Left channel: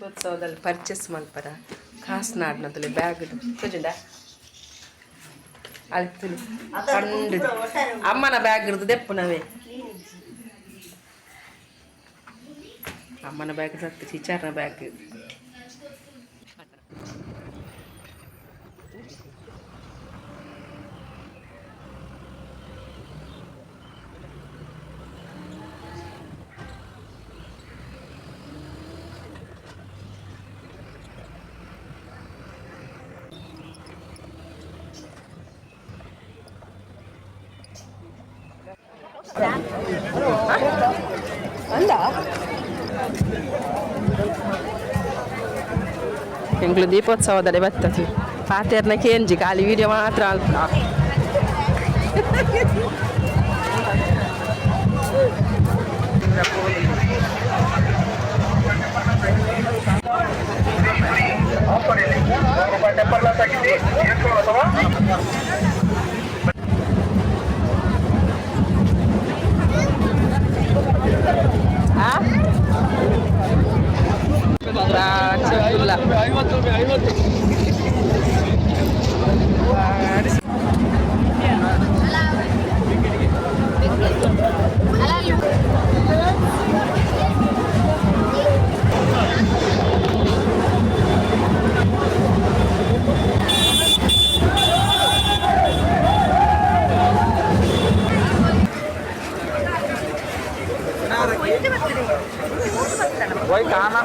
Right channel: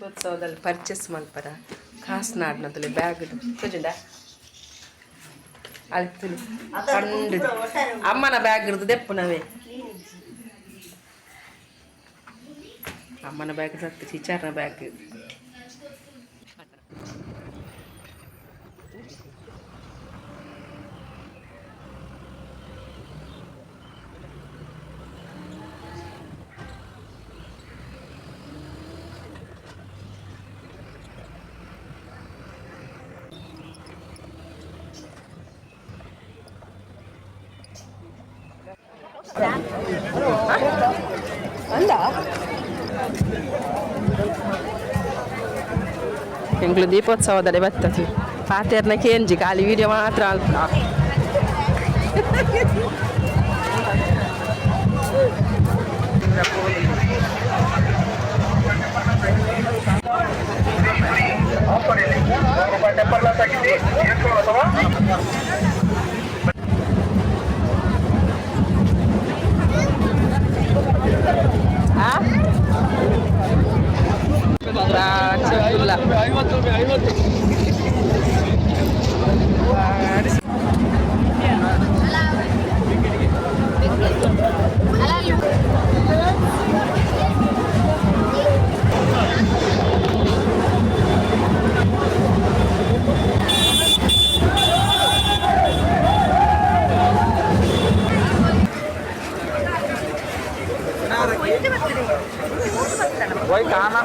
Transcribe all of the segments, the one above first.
ದೀಪೋತ್ಸವದಲ್ಲಿ purchase ಮಲ್ಪರ ಕಾಸ್ನಾಡ್ನದಲ್ಲಿ bag ಕುಜುಂಡ ಅಲ್ಲಿ ಕಂಡು ಅಮ್ಮನ ಬ್ಯಾಗ್ ಇರೋದು ದೆಪ್ಪುನವೇ ಅಮ್ಮನ ಬ್ಯಾಗ್ ಸತ್ತು ಚಿಚಾರ್ನ ಬ್ಯಾಗ್ ಅಲ್ಲ ಎಂಗ್ಳು ದೀಪೋತ್ಸವದಲ್ಲಿ ಬರ್ತದೆ ಪಾತೆರ್ನ ಕೇಂಜಿ ಖಾಲಿ ವಿಡಿಯೋ ಮಾತ್ರ ಅಲ್ಪ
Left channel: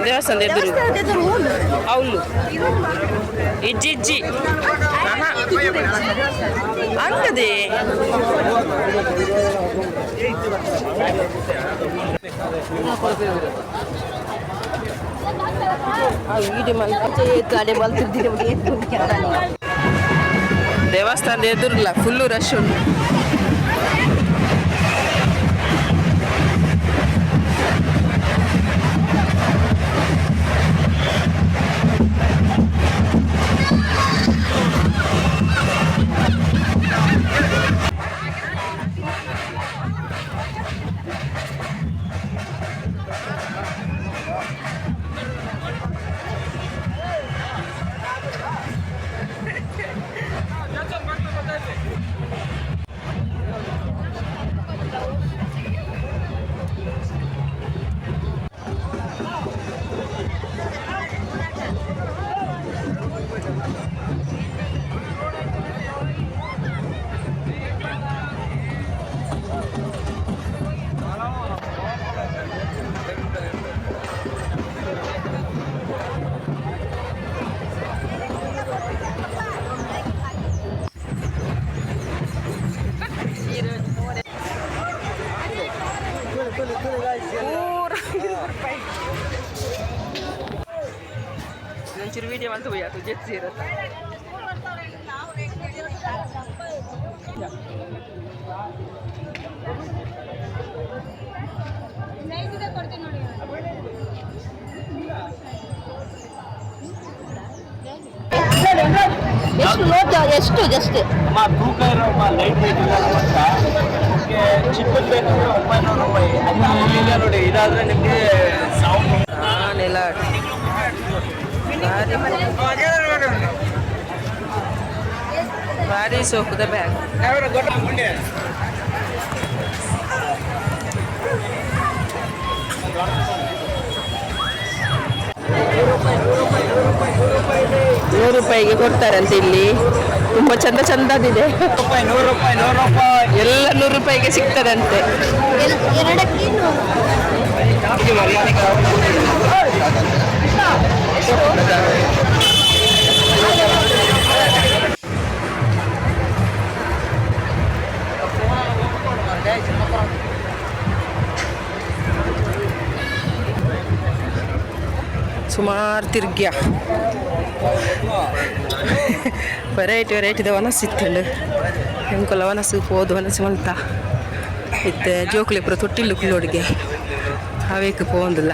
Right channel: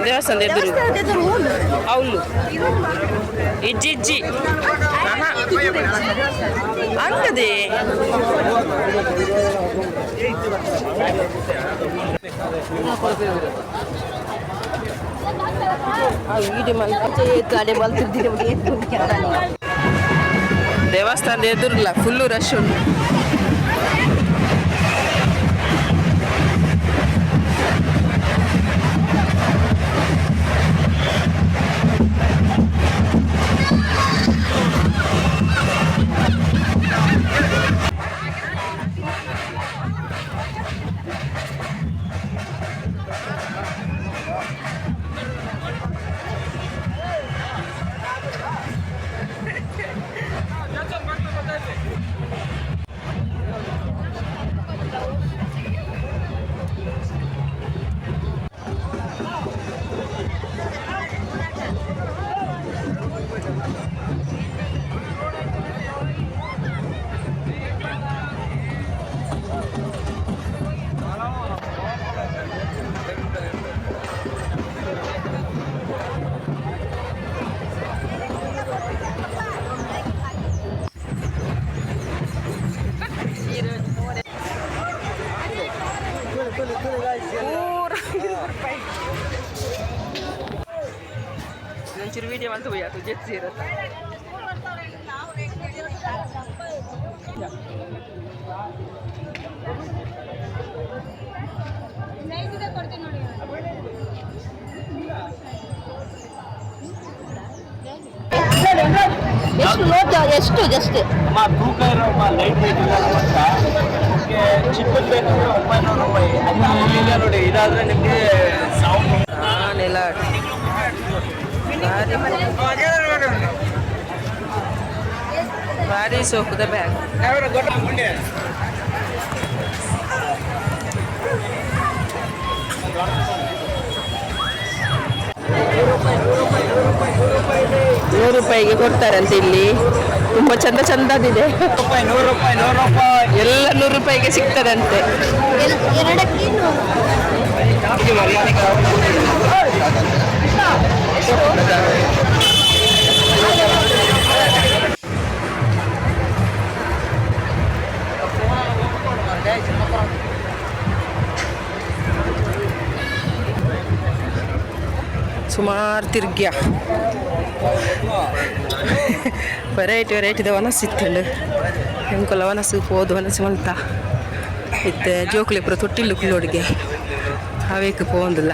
ದೇವಸ್ಥಾನದ ಎದುರು ಅವಳು ಇಜ್ಜಿ ಹಂಗದೆ ದೇವಸ್ಥಾನದ ಎದುರಿಲ್ಲ ಫುಲ್ಲು ರಶ್ ಉಂಟು ಒಂಚೂರು ವಿಡಿಯೋ ಅಂತ ಹೋಯ್ತು ಜೆಟ್ಸ್ ಇರುತ್ತೆ ಎಷ್ಟು ಜಸ್ಟ್ ತೂಕ ಇರೋ ಲೈಟ್ ವೇಟ್ ಚಿಪ್ಪಲ್ ಬೇಕಂದ್ರೆ 900 ರೂಪಾಯಿ ಇಲ್ಲ ನೋಡಿ ಇದಾದ್ರೆ ನಿಮಗೆ ನೆಲ ಭಾರಿ ಸೋಕುದ ಬ್ಯಾಗ್ ₹100 ಕೊಡ್ತಾರಂತೆ ಇಲ್ಲಿ ತುಂಬಾ ಚಂದ ಚಂದದಿದೆ ಎಲ್ಲ ₹100 ಸಿಗ್ತದಂತೆ ಸುಮಾರು ತಿರ್ಗ್ಯ ವೆರೈಟಿ ವನಸ್ ಇತ್ತಂಡು ಎಂಕೊಲ ವನಸ್ಸು ಪೋದು ವನಸ್ಸು ಮಲ್ತ ಇತ್ತೆ ಜೋಕುಲಿ ಪುರ ತೊಟ್ಟಿಲ್ಲು ಕುಲ್ಲೋಡಿಗೆ ಅವೇಕು ಪೋಂದಿಲ್ಲ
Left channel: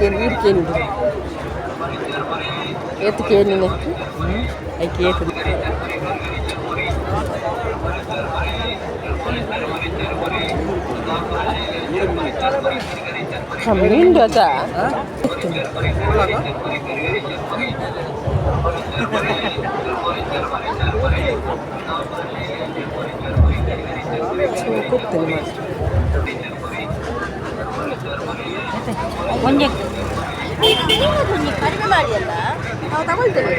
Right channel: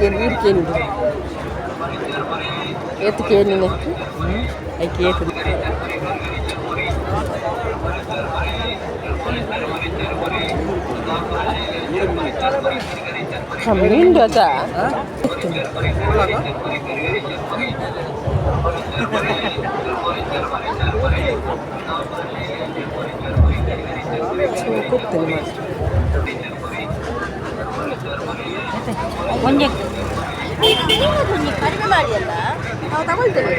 ಕೇಳಿ ವೀಡ್ಕೇನಿದೆ ಏತು ಕೇಳಿನ ಐಕೆ ಏತು ಮೀನು ಅದ ಒಂದೇ ಕಡಿಮೆ ಮಾಡಿ ಅಲ್ಲ ನಾವು ತಗೊಳ್ತೇವೆ.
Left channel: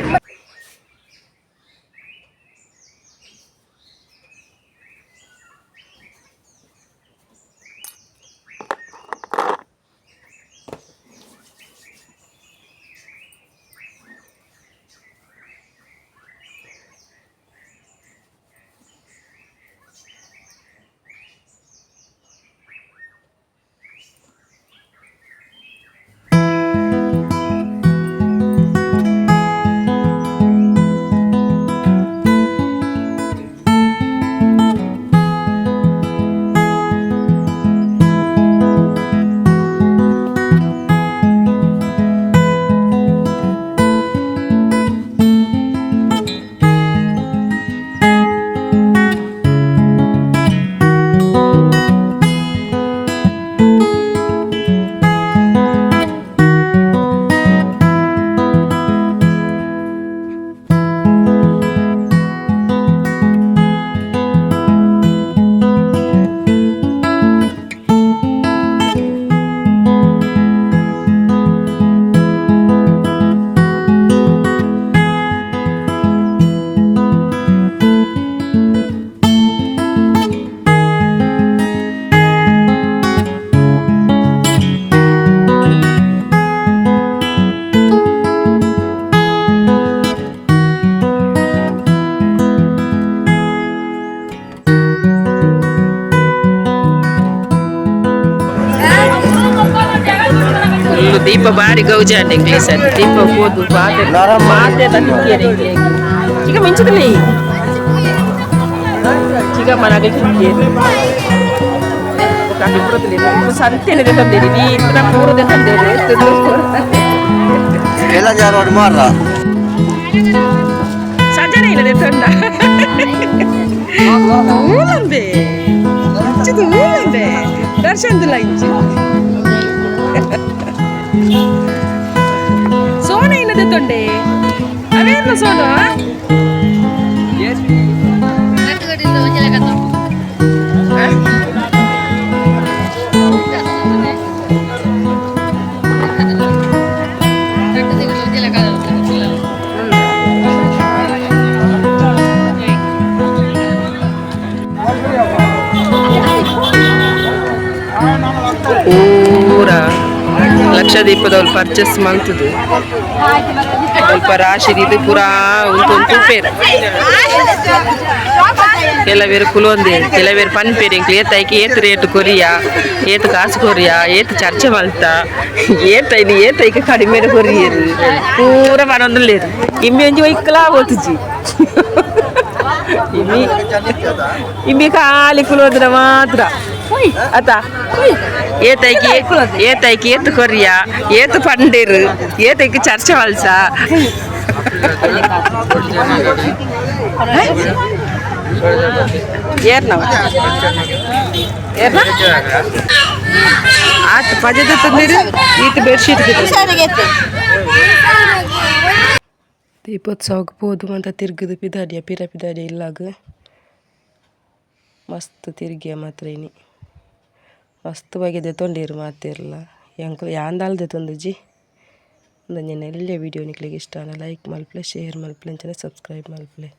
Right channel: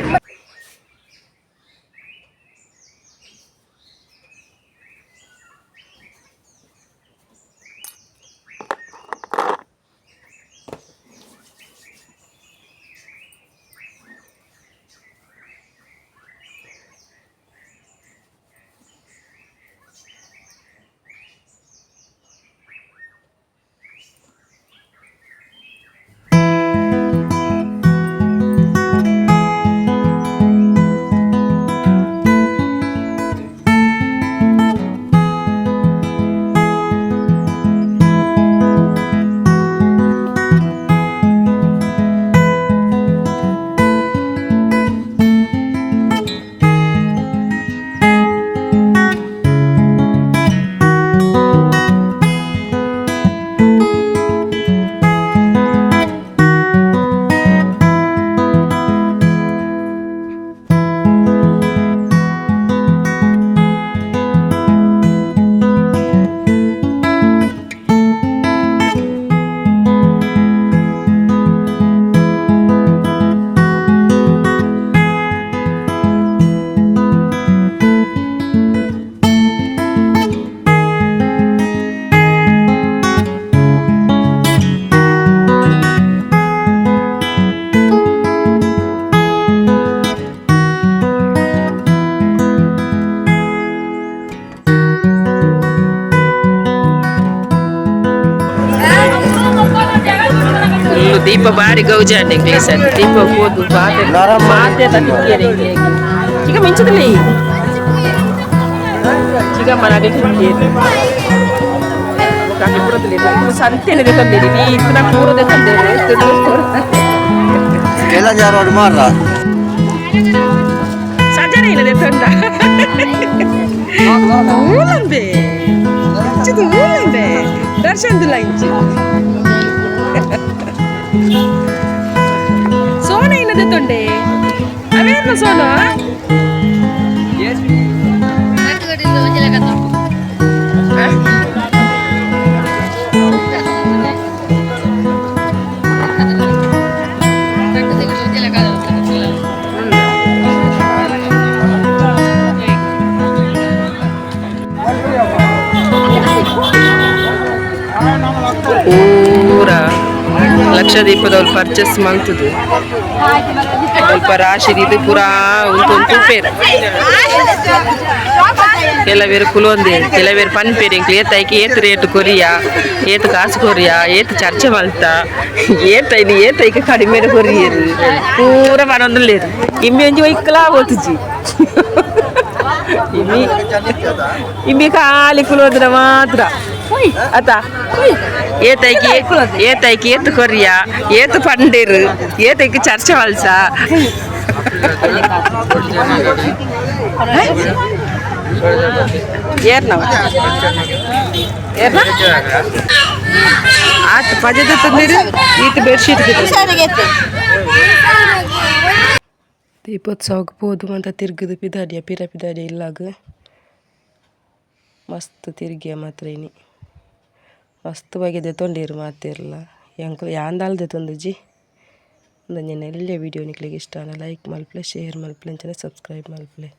ದೀಪ ಬಾರಿ ಗೌಜಾಂಡೆ ಇಂಗ್ಲೀಷ್ ಅಲ್ಲಿ ದೀಪ ಹೋದು ಮಾತೆ ಚಿಕ್ಕ ಮಿಂಚದಲ್ಲಿ ಚಿಕ್ಕ ಮನಾಗ ಸಂತೆನಿದೆ ತಂದಿರಿ ನೀ ಇತರ ಮೂರದೇ ತಂದಿರಿ ಎಲ್ಲ ಜಾರ ಮಾರ ಸಜ್ಜನೆ ಇಲ್ಲದೆ ತಂದ ಊಲಂಬೆ ಇಂಚಿದು ಊಲಂಬೆ ದರ್ಶನದಿಲ್ಲ ಇಂಚು ಸೋನ ಇಲ್ಲದೆ ತೊಂಡೆ ಅವೇನು ಸೋನ ಪೂರ ಲಕ್ಷದೀಪದವ್ರು ಪರ್ಚೇಸ್ ಮಾಡ್ತದೆ ಸ್ವಲ್ಪ ರಾಶಿ ಇದು ಪೂರಾ ಉಂಟು ತೂಪೇರು ಕೆಲವೇರು ಕುಲೊಂದೆ ಕೆಲವೇರು ಪನ್ಪೇರು ಇಂಕ್ಲು ಏತಾಯ್ಕೆ ಏತು ರೇಟ್ ಕೊರಿಯಾ ಏತು ಕಾಸು ಕೊರಿಯಾ ಏತು ಚರ್ಚೆ ಮಲ್ತ ಏತೈಕೆ ಕಡಿಮೆ ಕೊರಿಯರು ಪೂರ ಮನೊಂದುಲ್ಲೇರು ಇಮ್ಮಿ ಒಂಜಿ ಒಯ್ಕಲಾ ಓತುಜಿ ಇಮ್ಮಿ ಖಾಲಿ ಕುಲೋದ್ರ ಮಾತ್ರ ಆತ ಏತೈಕೆ ಏತು ಕೊರಿಯಾ ಏತು ಪಂಡೇರು ಏತೈಕೆ ಚರ್ಚೆ ಮಲ್ಸ ಏರ್ನವ ಆತು ಪಜದ ತಂದಿರು ಈತ ಬೆಡ್ಶೀಟ್ ದೀಪೋತ್ಸವಕ್ಕೆ ಹೋದು ಅಂತ ತಿರ್ಗದು ಪಿದಾಡಿಯ ಪಿದಾಡಿಯ ಇಲ್ಲಾಗ ಮಸ್ತ್ ತಿರ್ಗಿಯ ಮಾತ್ರ ಇನಿ ಮಸ್ತ್ ಬಗೆದೆ ತೊಂಡಿರು ಮಾತಿರಲ್ಲ ಯಾಂದಾಲ್ದೆ ತೊಂದುಜಿ ಒಂದು ನೆಲ್ಲೆ ವೀಡಿಯೋ ನಿಕ್ಲಿಗೆ ಇಷ್ಟ ಲೈಕ್ ಮಲ್ಪಲೆ ಶೇರ್ ಮಲ್ಪಲೆ ಸಬ್ಸ್ಕ್ರೈಬ್ ಮಲ್ಪಲೆ.